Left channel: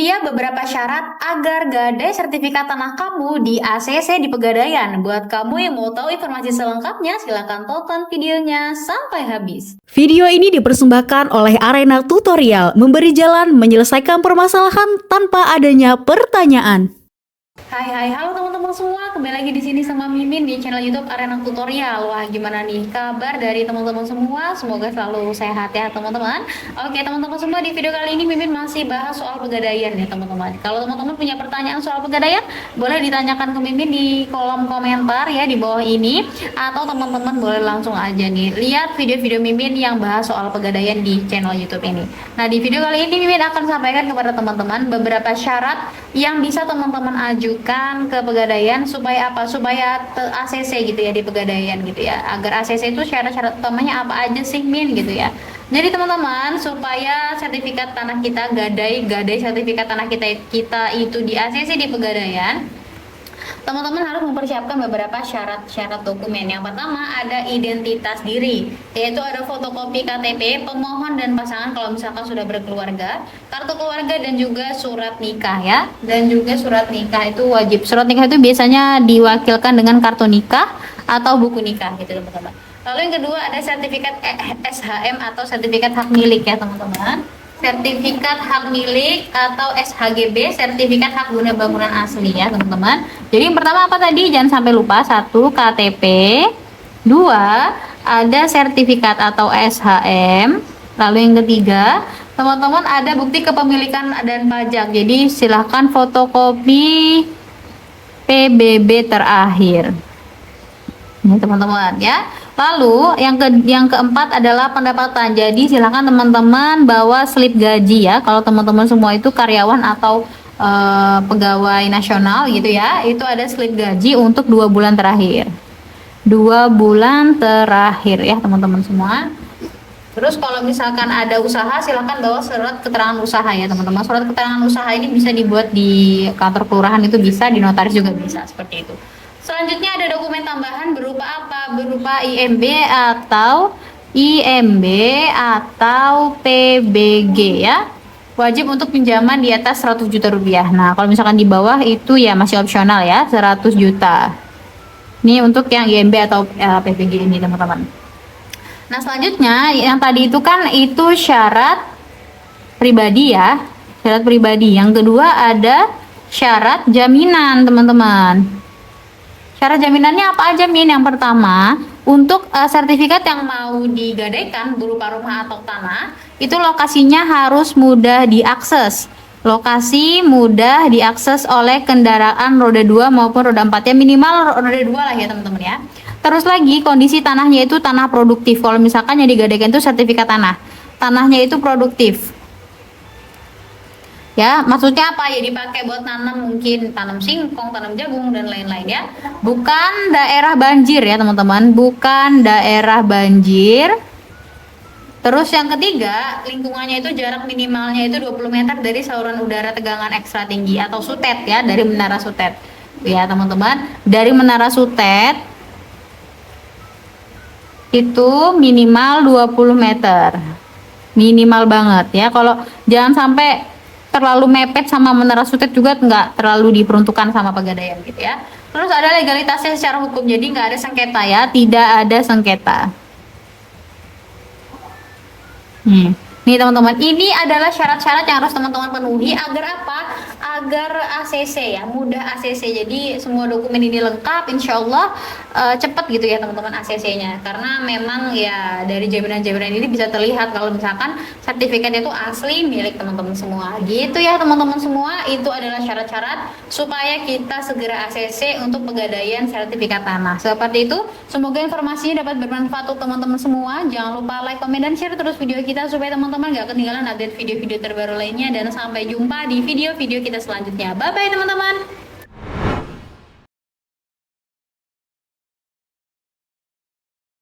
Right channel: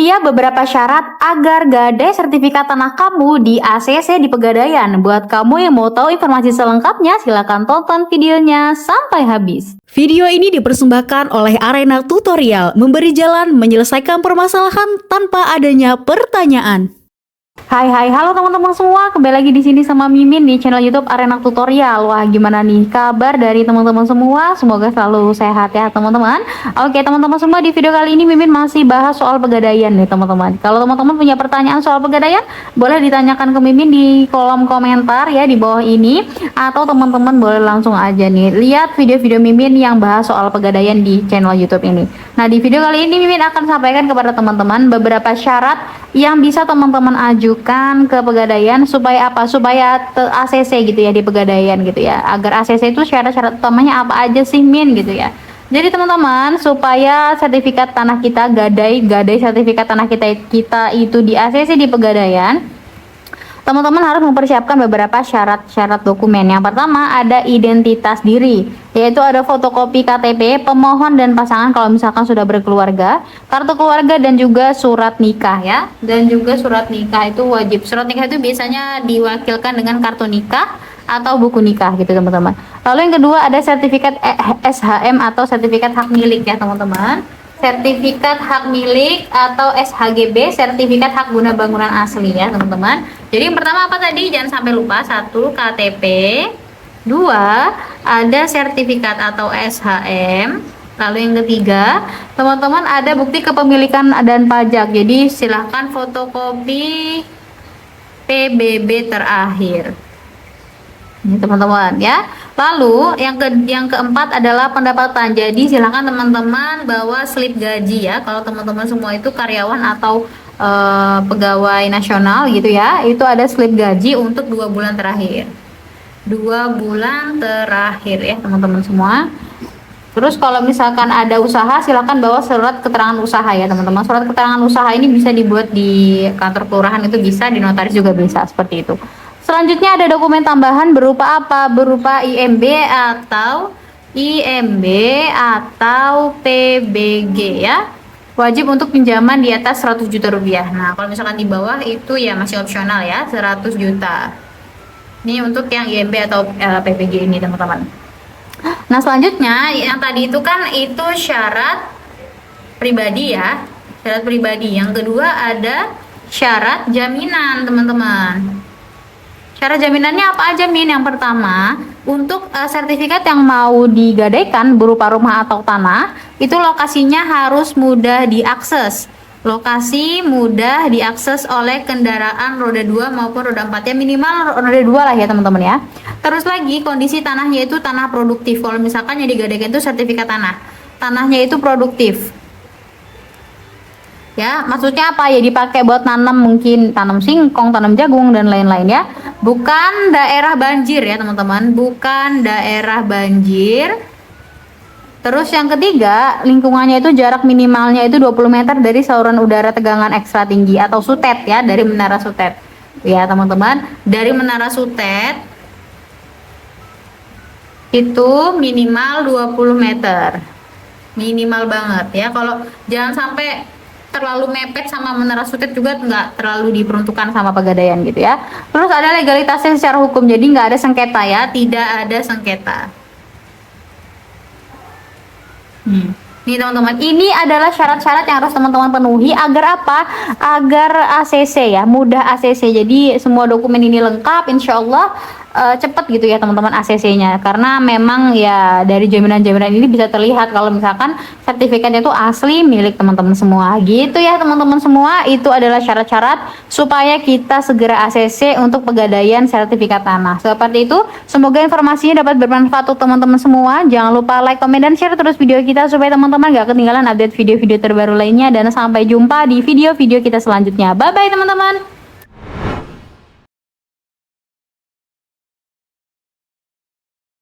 Ini dia beberapa syarat agar gadai sertifikat tanah kamu di ACC di Pegadaian. Buat kamu yang mau tahu informasi selengkapnya, silakan tonton videonya sampai habis. Video ini dipersembahkan oleh Arena Tutorial, memberi jalan menyelesaikan permasalahan tanpa adanya pertanyaan. Hai, halo teman-teman semua, kembali lagi di sini sama Mimin di channel YouTube Arena Tutorial. Wah, gimana nih kabar dari teman-teman semua? Semoga selalu sehat ya teman-teman. Oke teman-teman semua, di video kali ini Mimin masih bahas soal Pegadaian nih teman-teman. Kalau teman-teman punya pertanyaan soal Pegadaian, boleh ditanyakan ke Mimin di kolom komentar ya di bawah ini, atau teman-teman boleh langsung aja nih lihat video-video Mimin yang bahas soal Pegadaian di channel YouTube ini. Nah, di video kali ini Mimin akan sampaikan kepada teman-teman beberapa syarat yang bisa teman-teman ajukan ke Pegadaian supaya apa? Supaya ACC gitu ya di Pegadaian gitu ya. Agar ACC itu syarat-syarat utamanya apa aja sih Min gitu ya. Jadi teman-teman, supaya sertifikat tanah kita gadai sertifikat tanah kita itu di ACC di Pegadaian, teman-teman harus mempersiapkan beberapa syarat-syarat dokumen. Yang pertama ada identitas diri, yaitu ada fotokopi KTP pemohon dan pasangan kalau misalkan sudah berkeluarga, kartu keluarga, dan juga surat nikah ya. Dan juga surat nikah itu wajib. Surat nikah itu biasanya diwakilkan dengan kartu nikah atau buku nikah gitu teman-teman. Lalu yang kedua ada sertifikat SHM atau sertifikat hak milik ya teman-teman. Sertifikat hak milik atau SHGB, sertifikat hak guna bangunan asli ya teman-teman. Jadi yang pertama apa tadi? Jangan sampai lupa, 1 KTP, 2 ada sertifikat atau SHM. Lalu yang ketiga teman-teman ada bukti kepemilikan dan pajak. Jadi silahkan fotokopi PBB terakhir. Ini teman-teman ya. Lalu yang keempat adalah pendapatan. Jadi silahkan teman-teman bawa slip gaji ya. Kalau teman-teman semua itu karyawan atau pegawai nasional gitu ya, itu ada slip gaji untuk 2 bulan terakhir. 2 bulan terakhir ya teman-teman semua. Terus kalau misalkan ada usaha, silahkan bawa surat keterangan usaha ya teman-teman. Surat keterangan usaha ini bisa dibuat di kantor kelurahan, itu bisa, di notaris juga bisa, seperti itu. Selanjutnya ada dokumen tambahan berupa apa? Berupa IMB atau PBG ya. Wajib untuk pinjaman di atas 100 juta rupiah. Nah, kalau misalkan di bawah itu ya masih opsional ya, 100 juta. Ini untuk yang IMB atau PBG ini teman-teman. Nah, selanjutnya yang tadi itu kan itu syarat pribadi ya. Syarat pribadi. Yang kedua ada syarat jaminan teman-teman. Syarat jaminannya apa aja Min? Yang pertama, untuk sertifikat yang mau digadaikan berupa rumah atau tanah, itu lokasinya harus mudah diakses. Lokasi mudah diakses oleh kendaraan roda 2 maupun roda 4 ya, minimal roda 2 lah ya teman-teman ya. Terus lagi kondisi tanahnya itu tanah produktif. Kalau misalkan yang digadaikan itu sertifikat tanah, tanahnya itu produktif. Ya, maksudnya apa ya, dipakai buat nanam, mungkin tanam singkong, tanam jagung dan lain-lain ya. Bukan daerah banjir ya teman-teman, bukan daerah banjir. Terus yang ketiga, lingkungannya itu jarak minimalnya itu 20 meter dari saluran udara tegangan ekstra tinggi atau sutet ya, dari menara sutet. Ya teman-teman, dari menara sutet itu minimal 20 meter. Minimal banget ya. Kalau jangan sampai terlalu mepet sama menara sutet juga nggak terlalu diperuntukkan sama Pegadaian gitu ya. Terus ada legalitasnya secara hukum, jadi nggak ada sengketa ya, tidak ada sengketa. Nih teman-teman, ini adalah syarat-syarat yang harus teman-teman penuhi agar apa? Agar ACC ya, mudah ACC. Jadi semua dokumen ini lengkap, insya Allah cepat gitu ya teman-teman ACC-nya. Karena memang ya dari jaminan-jaminan ini bisa terlihat kalau misalkan sertifikatnya itu asli milik teman-teman semua. Gitu ya teman-teman semua, itu adalah syarat-syarat supaya kita segera ACC untuk Pegadaian sertifikat tanah. Seperti itu, semoga informasinya dapat bermanfaat untuk teman-teman semua. Jangan lupa like, comment, dan share terus video kita supaya teman-teman gak ketinggalan update video-video terbaru lainnya, dan sampai jumpa di video-video kita selanjutnya. Bye bye teman-teman.